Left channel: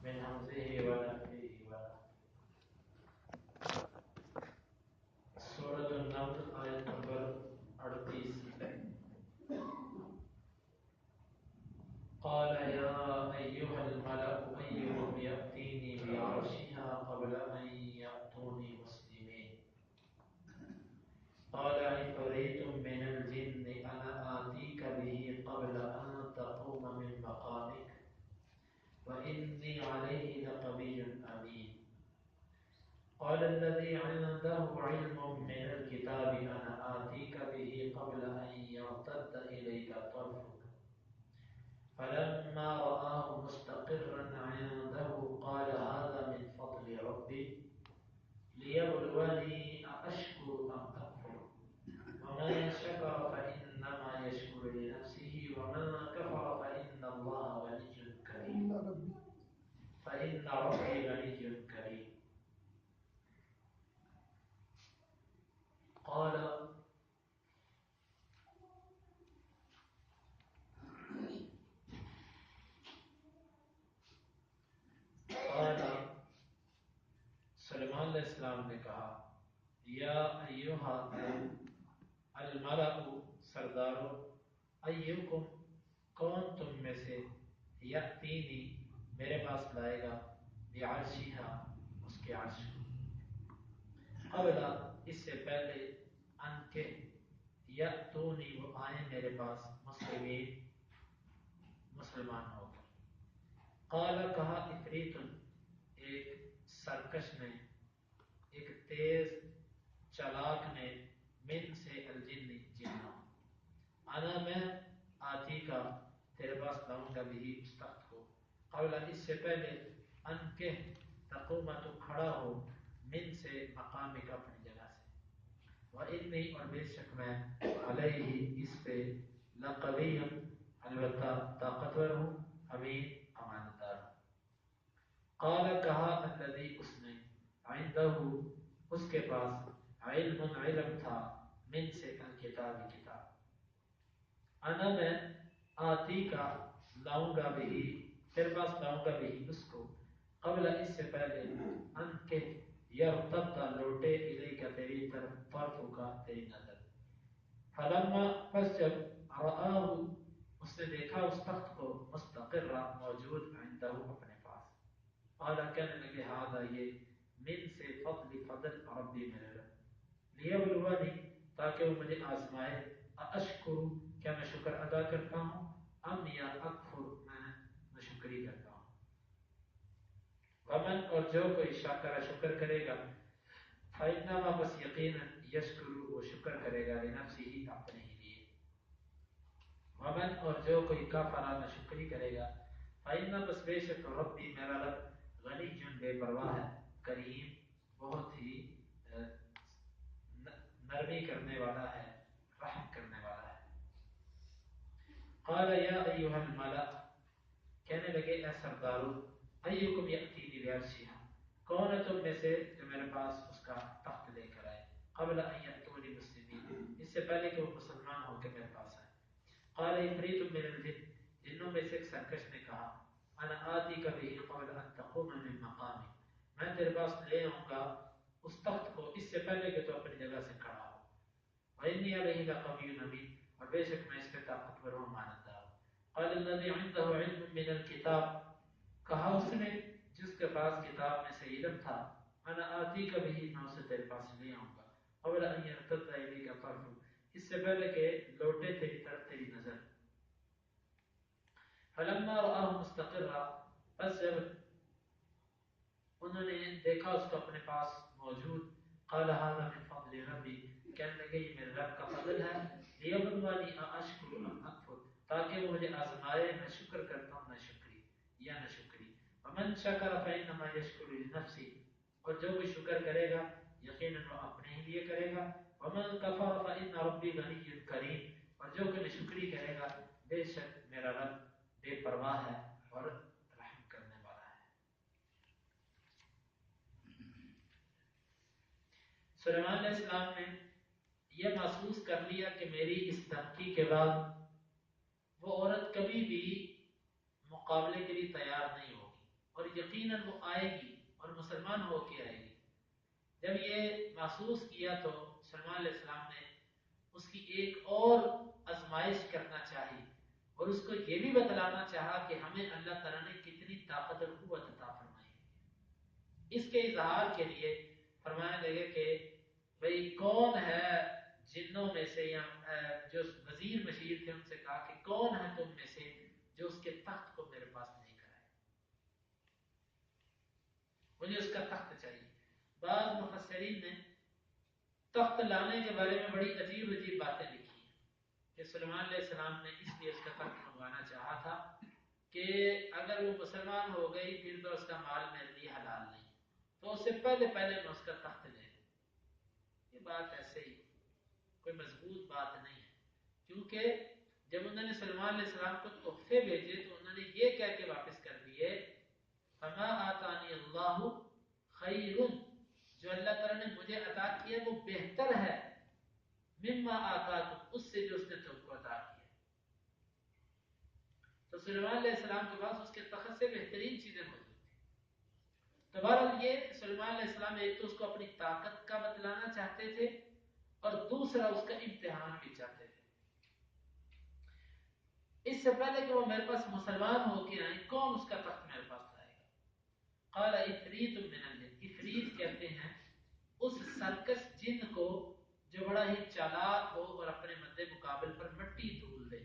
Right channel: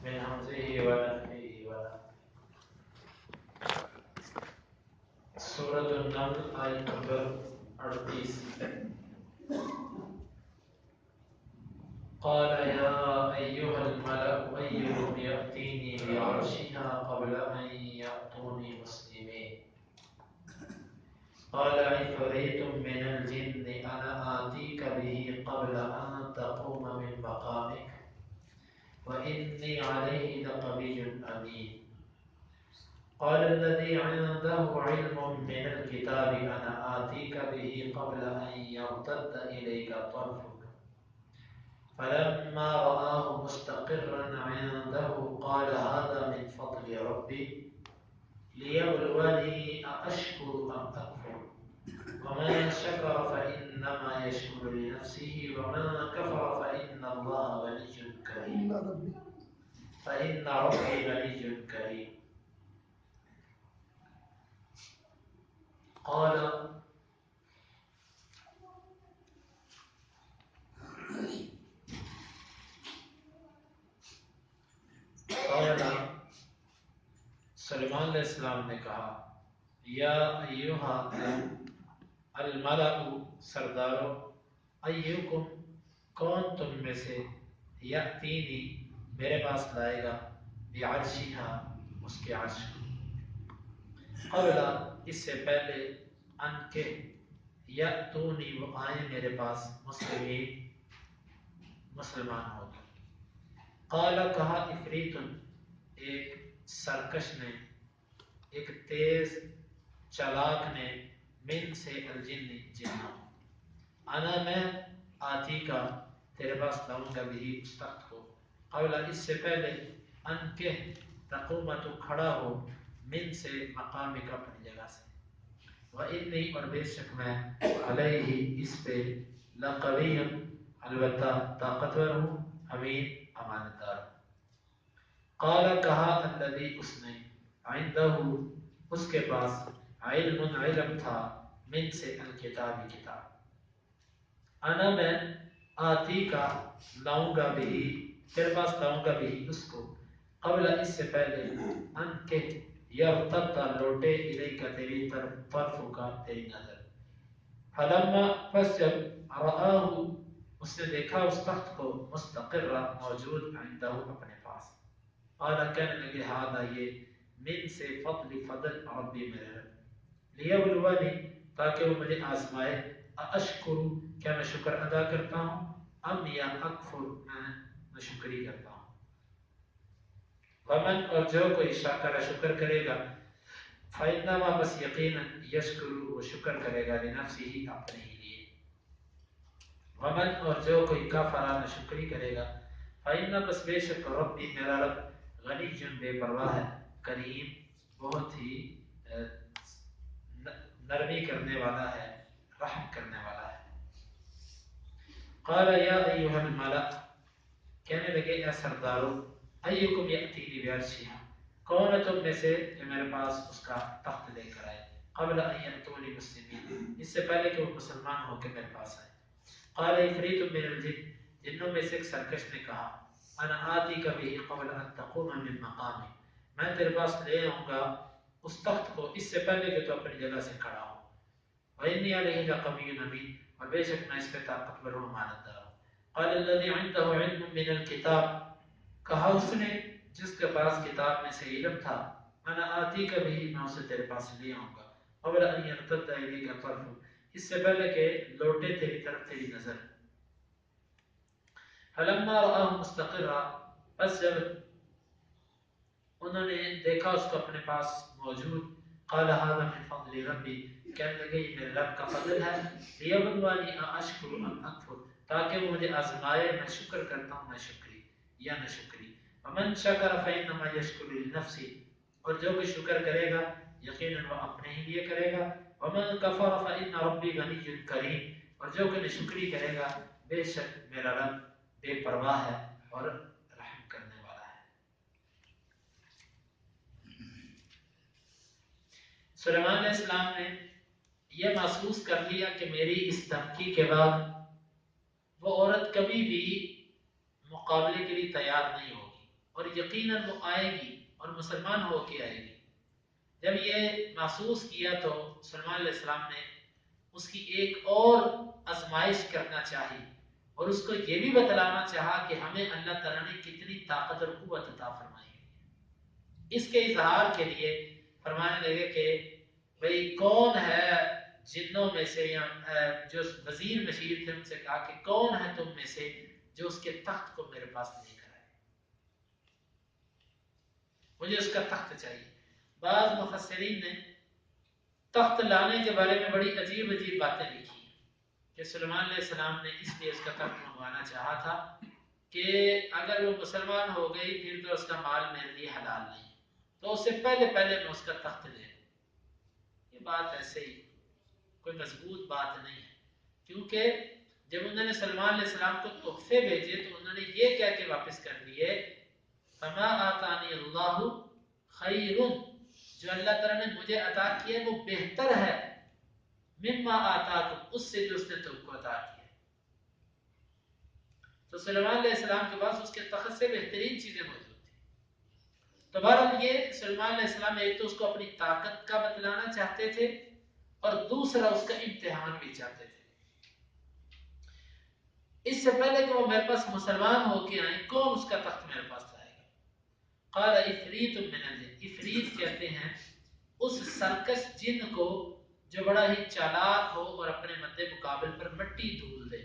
من همزه ونفخه ونفخه. سورة النمل آیت نمبر 38. قال يا أيها الملأ أيكم يأتيني بعرشها قبل أن يأتوني مسلمين قال عفريت من الجن أنا آتيك به قبل أن تقوم من مقامك وإني عليه لقوي أمين قال الذي عنده علم من الكتاب أنا آتيك به قبل أن يرتد إليك طرفك فلما رآه مستقرا عنده قال هذا من فضل ربي ليبلوني أأشكر أم أكفر ومن شكر فإنما يشكر لنفسه ومن كفر فإن الله غني كريم فإن ربي غني كريم قال سلیمان علیہ السلام نے کہا یا ایوہا الملأ سردارو ایوکم کون تم میں سے یأتینی میرے پاس لائے گا بعرشہا اس کے عرش کو قبل اس سے پہلے ان کے یأتونی وہ آئیں میرے پاس مسلمان ہو گئے قال کہا افریتن ایک سرکش نے ایک تیز چالاک نے من سے الجن جنوں انا میں آتی کا تیرے پاس لاؤں گا بھی اس تخت کو قبل اس سے پہلے ان کے تقوم تو کھڑا ہو من سے مقام کا اپنی جگہ سے وَإِنِّي اور بے شک میں علیہ اس پہ لقوی البتہ طاقتور ہوں امین امانتدار ہوں قال کہا الذی اس نے عندہ اس کے پاس علم تھا من سے الکتاب کتاب انا میں آتی کا لاؤں گا بھی تیرے پاس لاؤں گا بھی اس کو قبل اس سے پہلے ان کے یرتد لوٹے الیک تیری طرف کا تیری نظر فلما پس جب رآہ اس نے دیکھا اس تخت کو مستقر موجود عندہ اپنے پاس قال کہنے لگے ہذا یہ من سے فضل ربی میرے رب لیبلونی تاکہ وہ مجھے آزمائے اشکر کیا میں شکر ادا کرتا ہوں ام یا اکفر میں شکری کرتا ہوں ومن اور جو کوئی شکر کرے گا فإنما بس یقینا یشکر وہ شکر کرے گا لنفسه اپنے ہی لیے ومن اور جو کوئی کفر نہ شکری کرے گا فإن بس بے شک ربی میرا رب غنی جن بے پرواہ ہے کریم بہت ہی نرمی کرنے والا ہے رحم کرنے والا ہے قال یا ایھا الملأ کہنے لگے اے سردارو ایکم یأتینی بعرشہا کون ہے تم میں سے جو میرے پاس اس کا تخت لے کر آئے قبل ان یأتونی مسلمین اس سے پہلے کہ وہ مسلمان ہو کے میرے پاس آئے قال عفریت من الجن جنوں میں سے ایک سرکش نے کہا انا آتی کا بھی قبل ان تقوم من مقامی میں تیرے پاس لے آؤں گا اس تخت کو اس سے پہلے کہ تو اپنی جگہ سے کھڑا ہو وإني عليه لقوي أمين اور بے شک میں اس پہ طاقتور ہوں امانتدار ہوں قال الذي عنده علم من الكتاب کہا اس نے جس کے پاس کتاب میں سے علم تھا انا آتی کا بھی میں اسے تیرے پاس لے آؤں گا قبل ان يرتد إليك طرفك اس سے پہلے کہ لوٹے تیری طرف تیری نظر فلما رآه مستقرا پس جب انہوں نے دیکھا اس کو اپنے پاس موجود قال هذا من فضل ربی کہنے لگے یہ میرے رب کا فضل ہے لیبلونی اشکر ام اکفر تاکہ وہ مجھے آزمائے میں شکر کرتا ہوں میں شکری یا نہ شکری ومن شکر فإنما یشکر لنفسه اور جو بھی شکر کرے گا یقیناً وہ اپنے ہی لیے کرے گا ومن کفر فإن ربی غنی کریم اور جو کہ شکری کرے گا بے شک میرا رب بے پرواہ ہے اور رحم کرنے والا ہے سلیمان علیہ السلام نے یہ محسوس کر لیا کہ میری اس دھمکی کے بعد وہ عورت کبھی بھی مقابلے کے لیے تیار نہیں ہوگی اور یقیناً وہ آئے گی اور مسلمان ہو کے آئے گی۔ جب یہ محسوس کیا تو سلمان علیہ السلام نے اس کی ایک اور آزمائش کرنا چاہی اور اس کو یہ بھی بتلانا چاہا کہ ہمیں اللہ تعالیٰ نے کتنی طاقت اور قوت عطا فرمائی ہے۔ اس کے اظہار کے لیے فرمانے لگے کہ بھئی کون ہے جنوں میں سے یا جو وزیر مشیر تھے ان سے کہا کہ کون ہے تم میں سے جو اس کے تخت کو میرے پاس لے کر آئے، مجھے اس کا تخت چاہیے۔ بعض مفسرین نے تخت لانے کے بارے میں بڑی عجیب عجیب باتیں لکھی ہیں کہ سلیمان علیہ السلام نے اس لیے اس کا تخت منگوانا چاہا تھا کہ اگر وہ مسلمان ہو گئی پھر تو اس کا مال میرے لیے حلال نہیں، تو اس سے پہلے میں اس کا تخت لے لوں۔ یہ بات ایسے ہی کوئی مضبوط بات نہیں ہے، کیونکہ جب انہوں نے سلمان علیہ السلام کو تحفے بھیجے تو انہوں نے یہ کہہ کے واپس کر دیے فما آتانی اللہ خیر، جو اللہ تعالیٰ نے مجھے عطا کیا وہ بہتر ہے مما آتاکم، اس سے جو اس نے تم کو عطا کیا۔ تو سلیمان علیہ السلام کے پاس اس کے تخت سے بہترین چیزیں موجود تھیں۔ تو بہرحال یہ سلیمان علیہ السلام ایک تو اس کو اپنی طاقت کا بتلانا چاہتے تھے اور دوسرا اس کا امتحان بھی چاہتے تھے۔ اس سے پہلے کہ وہ میرے پاس مسلمان ہو کے آئیں، کون اس کا تخت میرے پاس لائے گا؟ قال افریت من الجن، افریت کہتے ہیں اس سرکش جن کو جو بڑا ہی چالاک ہو اور اپنے مد مقابل پر مٹی دھول دے،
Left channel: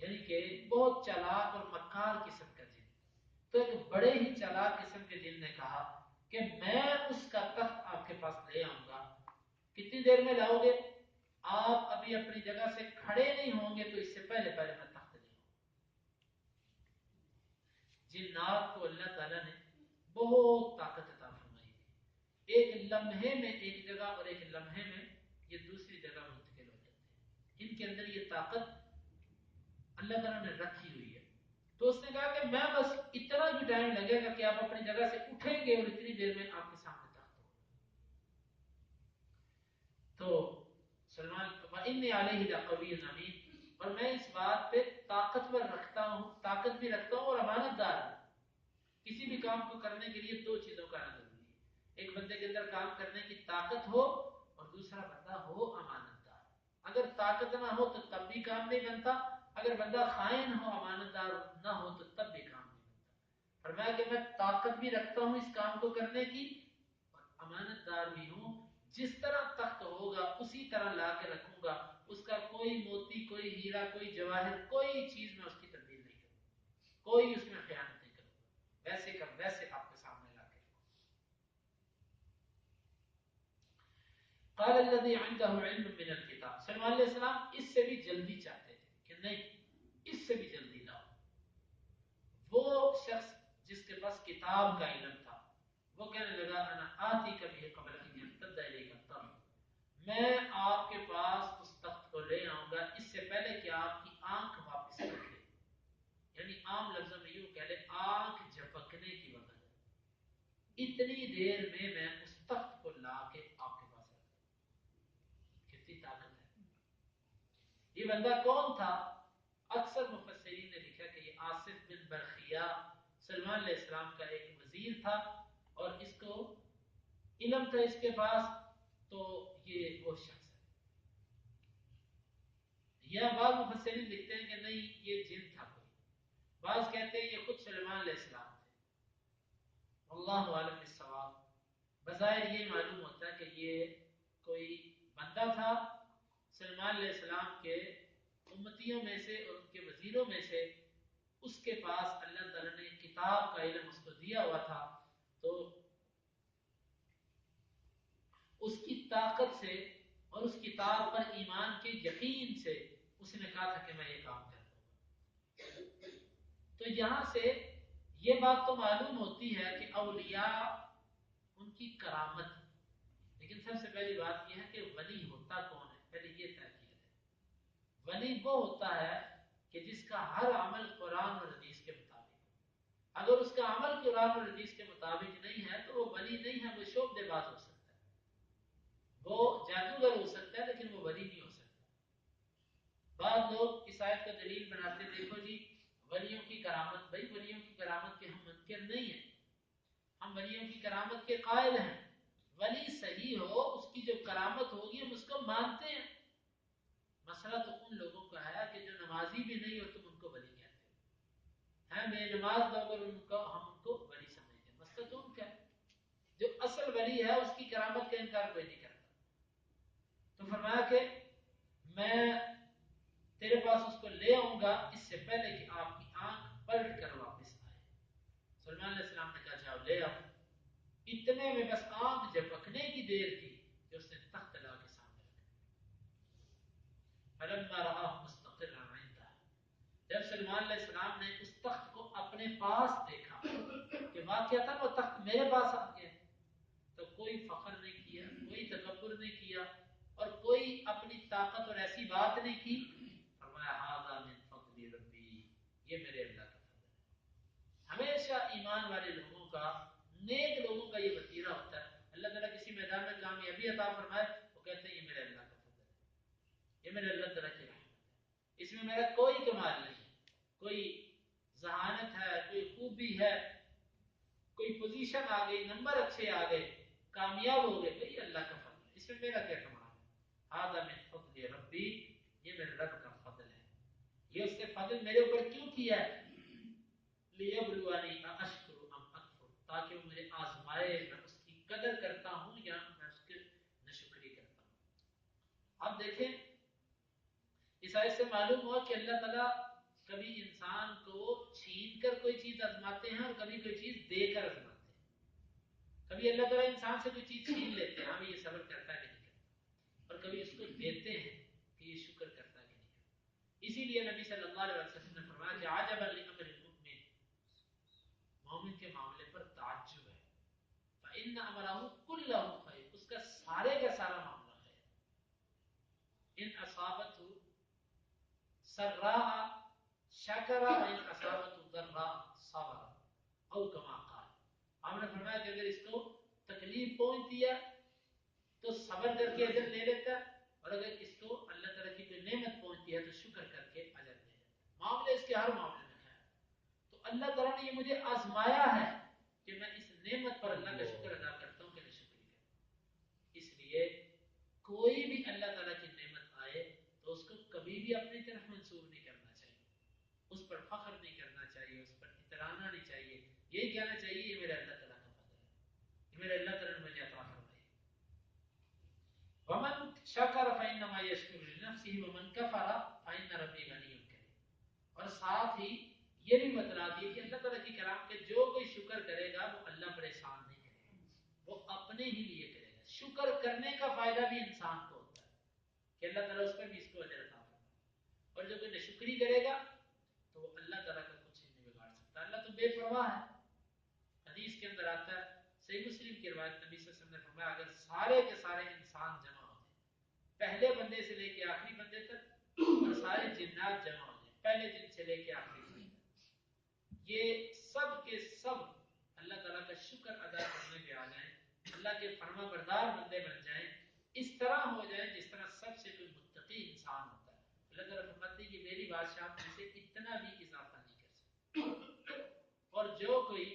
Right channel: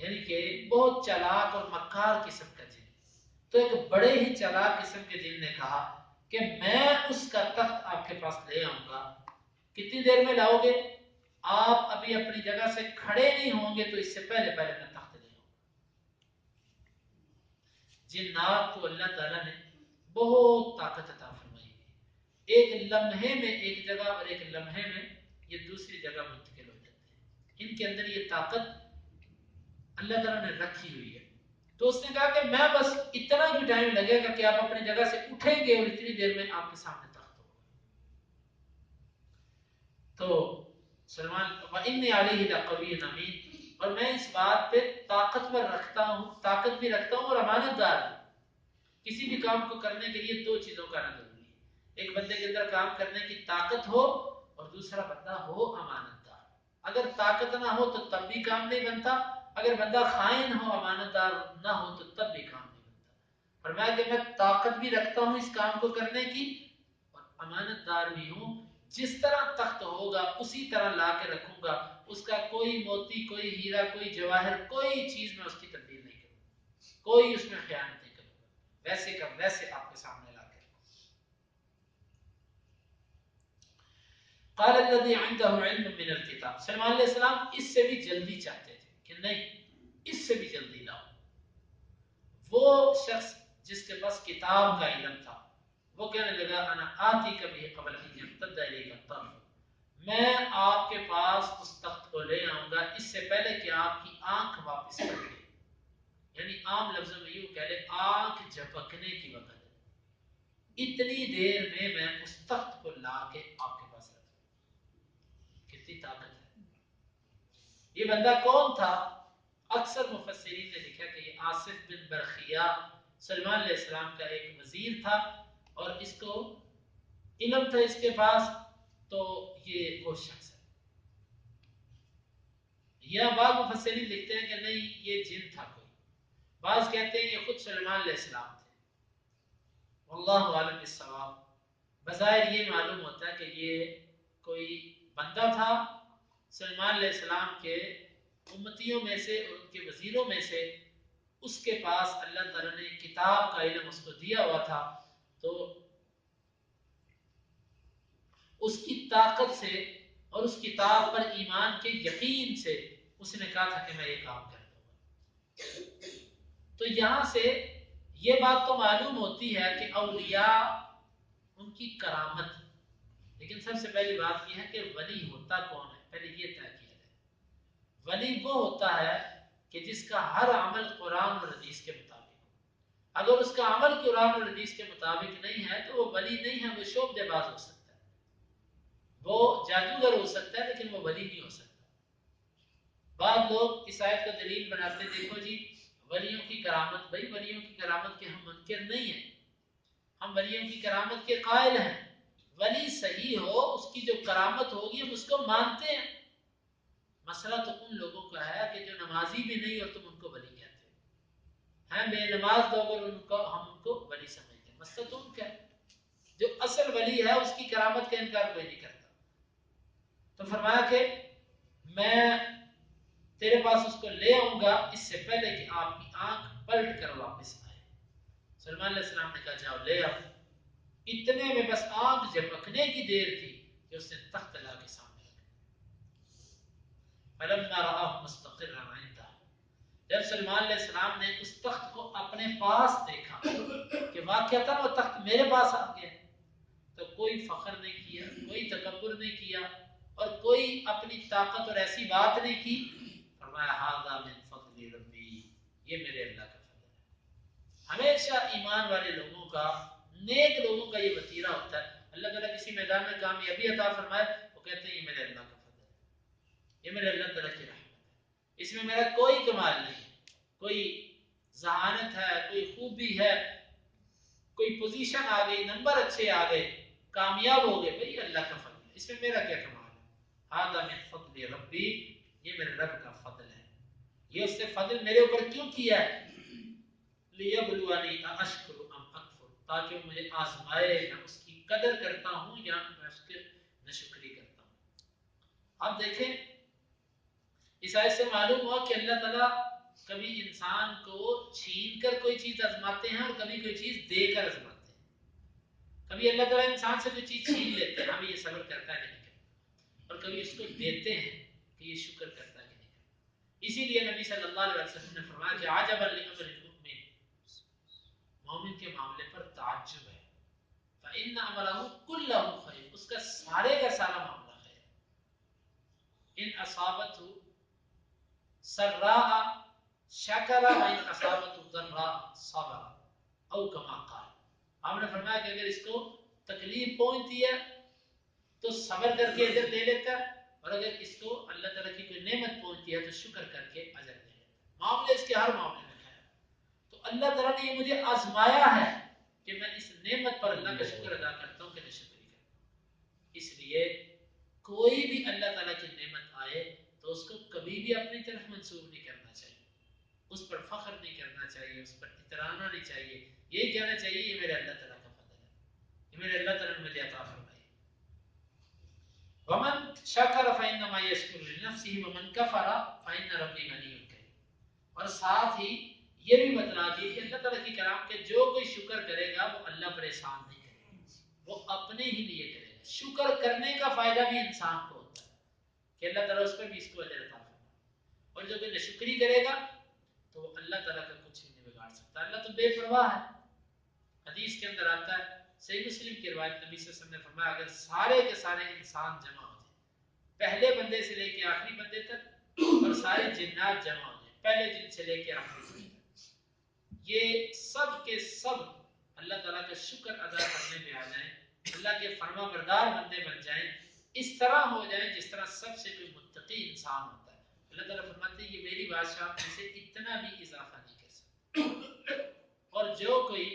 یعنی کہ بہت چالاک اور مکار قسم کا جن۔ تو ایک بڑے ہی چالاک قسم کے جن نے کہا کہ میں اس کا تخت آپ کے پاس لے آؤں گا، کتنی دیر میں لاؤ گے؟ آپ ابھی اپنی جگہ سے کھڑے نہیں ہوں گے تو اس سے پہلے میں تخت لے آؤں گا۔ جنات کو اللہ تعالیٰ نے بہت طاقت عطا فرمائی ہے، ایک لمحے میں ایک جگہ اور ایک لمحے میں یہ دوسری جگہ منتقل ہو جاتے ہیں، ان کے اندر یہ طاقت اللہ تعالیٰ نے رکھی ہوئی ہے۔ تو اس نے کہا کہ میں بس اتنا ہی ٹائم لگے گا کہ آپ اپنی جگہ سے اٹھیں گے اور اتنی دیر میں آپ کے سامنے تخت ہوگا۔ تو سلمان وَإِنِّي عَلَيْهِ لَقَوِيٌّ أَمِينٌ، اور میں اس بات پہ طاقتور رکھتا ہوں، طاقت بھی رکھتا ہوں اور امانت دار ہوں۔ کسی بھی کام کو کرنے کے لیے دو چیزوں کا ضروری ہے، ایک بندے کے اندر کام کرنے کی طاقت ہو اور دوسرا بندہ ہو امانت دار۔ اگر طاقت نہ ہو تو تب بھی کام نہیں بنتا، اگر بندہ خائن ہو، امانت دار نہ ہو تو تب بھی کام نہیں بنتا۔ فرمایا کہ میں طاقت بھی رکھتا ہوں اس کام کو کرنے کی اور امانت دار بھی ہوں، جس طرح تخت ہوگا اسی طرح لا کے رکھوں گا، اس کا کوئی موتی، کوئی ہیرا، کوئی جواہر، کوئی چیز میں اس کی تبدیل نہیں کروں گا، کوئی اس میں خیانت نہیں کروں گا، ویسے کا ویسے آپ کے سامنے لا کے رکھوں گا۔ قال الذي عنده علم من الكتاب، سلمان علیہ السلام اس سے بھی جلدی چاہتے تھے کہ نہیں اس سے بھی جلدی لاؤ۔ وہ شخص جس کے پاس کتاب کا علم تھا وہ کہنے لگا انا آتی کبھی قبل ان یمتد الیک الطرف، میں آپ کے پاس اس تخت کو لے آؤں گا اس سے پہلے کہ آپ کی آنکھ واپس کر دے، یعنی عام لفظوں میں یوں کہہ لے آنکھ جھپکنے کی وقت اتنی دیر میں میں اس تخت کو لا کے آپ کے پاس رکھ دوں۔ کتنی طاقت ہے! یہ بندہ کون تھا؟ اکثر مفسرین نے لکھا کہ یہ آصف بن برخیہ سلمان علیہ السلام کا ایک وزیر تھا اور اس کو علم تھا اس کے پاس، تو یہ وہ شخص ہے۔ یا بعض مفسرین لکھتے ہیں کہ نہیں یہ جن تھا کوئی، بعض کہتے ہیں یہ خود سلمان علیہ السلام تھے۔ واللہ عالم بالصواب، بظاہر یہ معلوم ہوتا ہے کہ یہ کوئی بندہ تھا سلمان علیہ السلام کے امتیوں میں سے اور ان کے وزیروں میں سے، اس کے پاس اللہ تعالیٰ نے کتاب کا علم اس کو دیا ہوا تھا، تو اس کی طاقت سے اور اس کتاب پر ایمان کے یقین سے اس نے کہا تھا کہ میں یہ کام کر دوں گا۔ تو یہاں سے یہ بات تو معلوم ہوتی ہے کہ اولیاء ان کی کرامت، لیکن سب سے پہلی بات یہ ہے کہ ولی ہوتا کون ہے، پہلے یہ طے کیا جائے۔ ولی وہ ہوتا ہے کہ جس کا ہر عمل قرآن اور حدیث کے مطابق ہو۔ اگر اس کا عمل قرآن اور حدیث کے مطابق نہیں ہے تو وہ ولی نہیں ہے، وہ شعبدے باز ہو سکتا ہے، وہ جادوگر ہو سکتا ہے لیکن وہ ولی نہیں ہو سکتا۔ بعض لوگ اس آیت کو دلیل بناتے دیکھو جی ولیوں کی کرامت، بھائی ولیوں کی کرامت کے ہم منکر نہیں ہیں، ہم ولیوں کی کرامت کے قائل ہیں، ولی صحیح ہو اس کی جو کرامت ہوگی ہم اس کو مانتے ہیں۔ مسئلہ تو ان لوگوں کا ہے کہ جو نمازی بھی نہیں اور تم ان کو ولی کہتے ہیں، بے نماز لوگ اور ہم ان کو ولی سمجھتے ہیں، مسئلہ تو ان کا ہے۔ جو اصل ولی ہے اس کی کرامت کا انکار کوئی نہیں کرتا۔ تو فرمایا کہ میں تیرے پاس اس کو لے آؤں گا اس سے پہلے کہ آپ کی آنکھ پلٹ کر واپس آئے۔ سلیمان علیہ السلام نے کہا جاؤ لے آؤ۔ اتنے میں بس آنکھ جھپکنے کی دیر تھی کہ اس نے تخت لا کے سامنے رکھا۔ فلما رآہ مستقرا عندہ، جب سلیمان علیہ السلام نے اس تخت کو اپنے پاس دیکھا کہ واقعتاً وہ تخت میرے پاس آ گیا، تو کوئی فخر نہیں کیا، کوئی تکبر نہیں کیا اور کوئی اپنی طاقت اور ایسی بات نہیں کی۔ فرمایا ھذا من فضل ربی، یہ میرے اللہ کا فضل ہے۔ ہمیشہ ایمان والے لوگوں کا، نیک لوگوں کا یہ وتیرہ ہوتا ہے۔ اللہ تعالیٰ کسی میدان میں کامیابی عطا فرمائے وہ کہتے ہیں یہ میرے اللہ کا فضل ہے، یہ میرے اللہ تعالیٰ کی رحمت ہے، اس میں میرا کوئی کمال نہیں ہے، کوئی ذہانت ہے، کوئی خوبی ہے، کوئی پوزیشن آ گئی، نمبر اچھے آ گئے، کامیاب ہو گئے، بھئی اللہ کا فضل ہے، اس میں میرا کیا کمال ہے۔ ھذا من فضل ربی، یہ میرے رب کا فضل ہے، یہ اس نے فضل میرے اوپر کیوں کیا ہے؟ لیبلونی اشکر ام اکفر، تاکہ وہ مجھے آزمائے میں اس کی قدر کرتا ہوں یا میں اس کے ناشکری کرتا ہوں۔ اب دیکھیں اس آیت سے معلوم ہوا کہ اللہ تعالیٰ کبھی انسان کو چھین کر کوئی چیز آزماتے ہیں اور کبھی کوئی چیز دے کر آزماتے ہیں۔ کبھی اللہ تعالیٰ انسان سے کوئی چیز چھین لیتے ہیں، ہمیں یہ صبر کرتا ہے کہ نہیں کرتا، اور کبھی اس کو دیتے ہیں کہ یہ شکر کرتا ہے کہ نہیں کرتا۔ اسی لیے نبی صلی اللہ علیہ وسلم نے فرمایا کہ عجبا لامر المؤمن، مومن کے معاملے پر تعجب ہے، فإن امرہ کلہ خیر، اس کا سارے کا سارا معاملہ خیر ہے۔ ان اصابتہ سراء شکر وان اصابتہ ضراء صبر، او کما قال، آپ نے فرمایا کہ اگر اس کو تکلیف پہنچتی ہے تو صبر کر کے اجر لے لیتا ہے، اور اگر اس کو اللہ تعالیٰ کی کوئی نعمت پہنچتی ہے تو شکر کر کے اجر لے لیتا ہے۔ معاملے اس کے ہر معاملے میں خیر ہے۔ تو اللہ تعالیٰ نے یہ مجھے آزمایا ہے کہ میں اس نعمت پر اللہ کا شکر ادا کرتا ہوں کہ نہ شکری کرتا ہوں۔ اس لیے کوئی بھی اللہ تعالیٰ کی نعمت آئے تو اس کو کبھی بھی اپنی طرف منسوب نہیں کرنا چاہیے، اس پر فخر نہیں کرنا چاہیے، اس پر اترانا نہیں چاہیے، یہی کہنا چاہیے یہ میرے اللہ تعالیٰ کا فضل ہے، یہ میرے اللہ تعالیٰ نے مجھے عطا فرمائی۔ ومن شکر فإنما یشکر لنفسہ ومن کفر فإن ربی غنی کریم، اور ساتھ ہی یہ بھی بتلا دی کہ اللہ تعالیٰ کی کلام کے جو کوئی شکر کرے گا وہ اللہ پر احسان نہیں کرے گا، وہ اپنے ہی لیے کرے گا۔ شکر کرنے کا فائدہ بھی انسان کو ہوتا ہے کہ اللہ تعالیٰ اس پر بھی اس کو اجر عطا فرمائے، اور جو کوئی ناشکری کرے گا تو وہ اللہ تعالیٰ کا کچھ بھی نہیں بگاڑ سکتا۔ اللہ تو بے پرواہ ہے۔ حدیث کے اندر آتا ہے، صحیح مسلم کی روایت، نبی صلی اللہ علیہ وسلم نے فرمایا اگر سارے کے سارے انسان جمع ہو جائیں، پہلے بندے سے لے کے آخری بندے تک، اور سارے جنات جمع ہو جائیں پہلے جن سے لے کے آخری جن تک، یہ سب کے سب اللہ تعالیٰ کا شکر ادا کرنے پہ آ جائیں، اللہ کے فرما بردار بندے بن جائیں، اس طرح ہو جائیں جس طرح سب سے کوئی متقی انسان ہوتا ہے۔ اللہ تعالیٰ فرماتے ہیں یہ میری بادشاہ میں سے اتنا بھی اضافہ نہیں کر سکتا، اور جو کوئی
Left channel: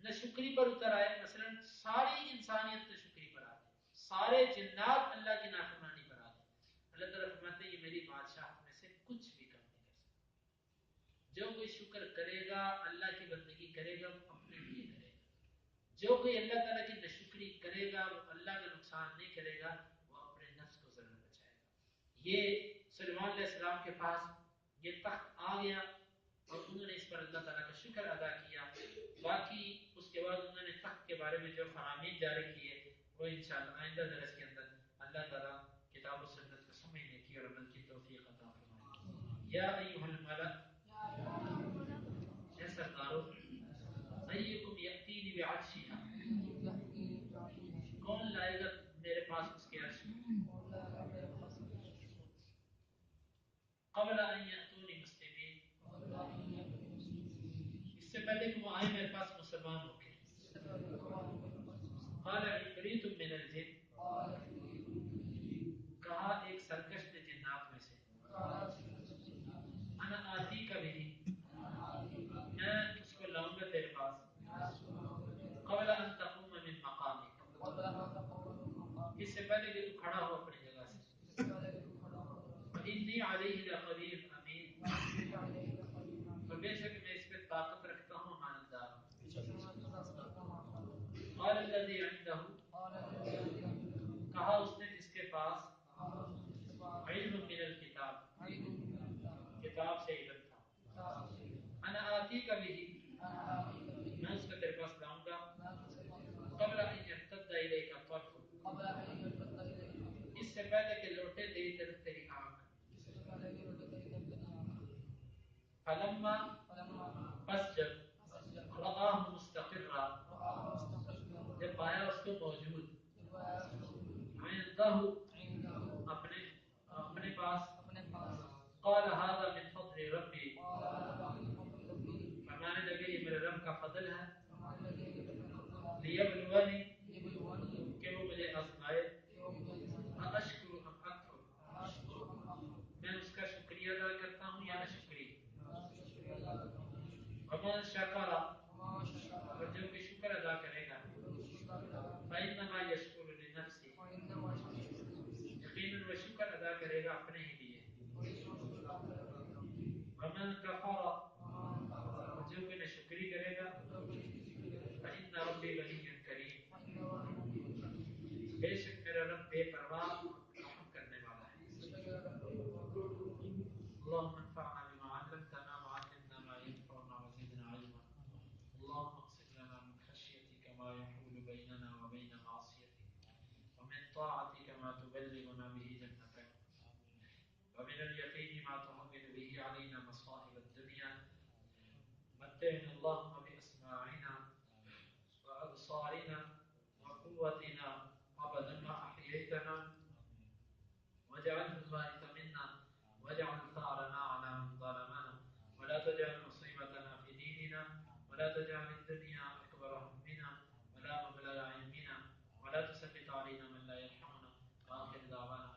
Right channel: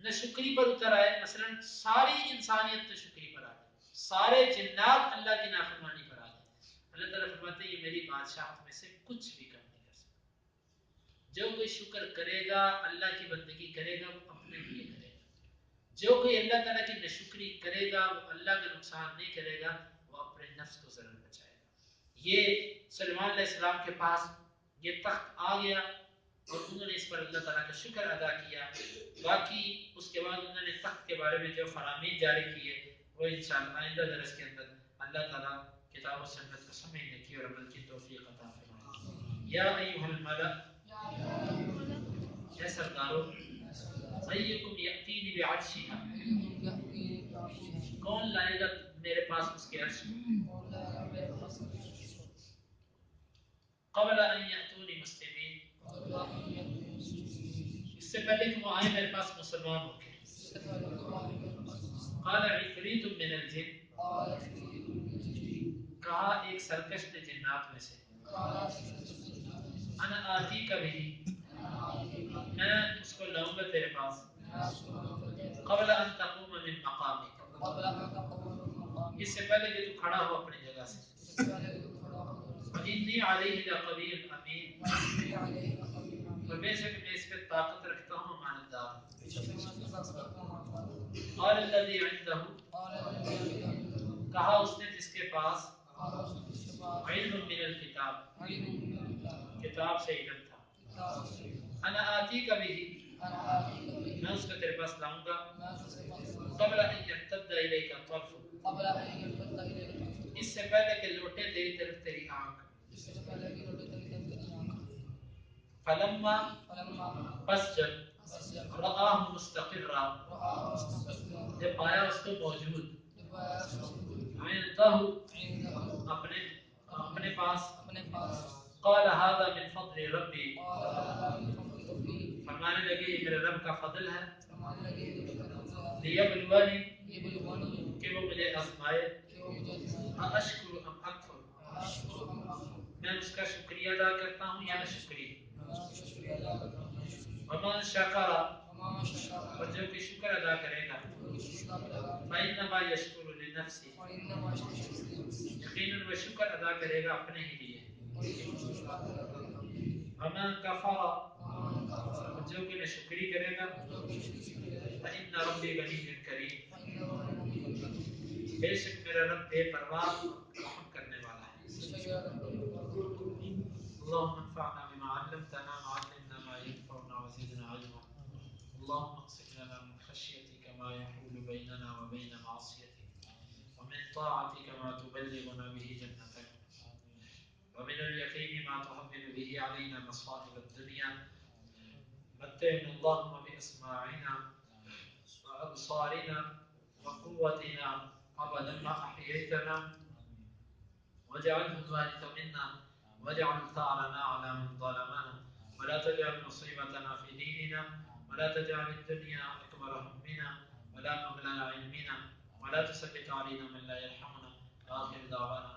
ناشکری پر اتر آئے، مثلا ساری انسانیت ناشکری پر آ جائے، سارے جنات اللہ کی نافرمانی پر آ جائے، اللہ تعالیٰ فرماتے ہیں یہ میری بادشاہت میں سے کچھ بھی کم نہیں کر سکتا۔ جو کوئی شکر کرے گا، اللہ کی بندگی کرے گا، وہ اپنے لیے کرے گا۔ جو کوئی اللہ تعالیٰ کی ناشکری کرے گا وہ اللہ کا نقصان نہیں کرے گا، وہ اپنے نفس کو ضرور بچائے گا۔ یہ سلیمان علیہ السلام کے پاس یہ تخت آ گیا اور انہوں نے اس پر اللہ تعالیٰ کا شکر ادا کیا۔ باقی اس کے بعد انہوں نے تخت کے بارے میں جو فرامین جاری کیے وہ انشاءاللہ آئندہ درس کے اندر اللہ تعالیٰ کتاب و سنت کو سمجھنے کی اور عمل کی توفیق عطا فرمائے۔ یا ایھا الملأ، اے سردارو، ایکم یأتینی بعرشہا، کون لائے گا میرے پاس اس کے عرش کو، قبل ان یأتونی مسلمین، اس سے پہلے کہ وہ آئے میرے پاس مسلمان ہو کے۔ قال عفریت من الجن، کہا ایک سرکش نے جنات میں سے، انا آتیک بہ، الذی عندہ، کہا اس نے جس کے پاس علم من الکتاب، کتاب سے علم تھا، انا آتی کا بھی، میں اس کو تیرے پاس لاؤں گا، قبل ان یرتد الیک طرف، اس سے پہلے کہ لوٹے تیری طرف تیری آنکھ، فلما، پس جب رآہ مستقرا، جب پایا اس کو موجود، عندہ، اپنے پاس، قال هذا من فضل ربی، فرمانے لگے یہ میرے رب کا فضل ہے، لیبلونی، کہ وہ مجھے آزمائے، اشکر ام اکفر، میں اس کا شکریہ ادا کرتا ہوں یا نہ شکریہ، ومن شکر، اور جو کہ شکر ادا کرے گا، فإنما يشکر لنفسه، یقیناً وہ شکر ادا کرے گا اپنے ہی لیے، ومن کفر، اور جو کہ ناشکری کرے گا، فإن ربی غنی کریم، بے شک میرا رب بے پرواہ رحم کرنے والا ہے۔ اللهم انفعنا بما علمتنا وعلمنا ما ينفعنا وزدنا علما، اللهم اقسم لنا من خشيتك ما يحول بيننا وبين معصيتك، ومن طاعتك ما تبلغنا به جنتك، ومن اليقين ما تهون به علينا مصائب الدنيا، متعنا اللهم بأسماعنا وأبصارنا وقوتنا أبدا ما أحييتنا، واجعله الوارث منا، واجعل ثارنا على من ظلمنا، ولا تجعل مصيبتنا في ديننا، ولا تجعل الدنيا أكبر همنا ولا مبلغ علمنا، ولا تسلط علينا من لا يرحمنا، آخر دعوانا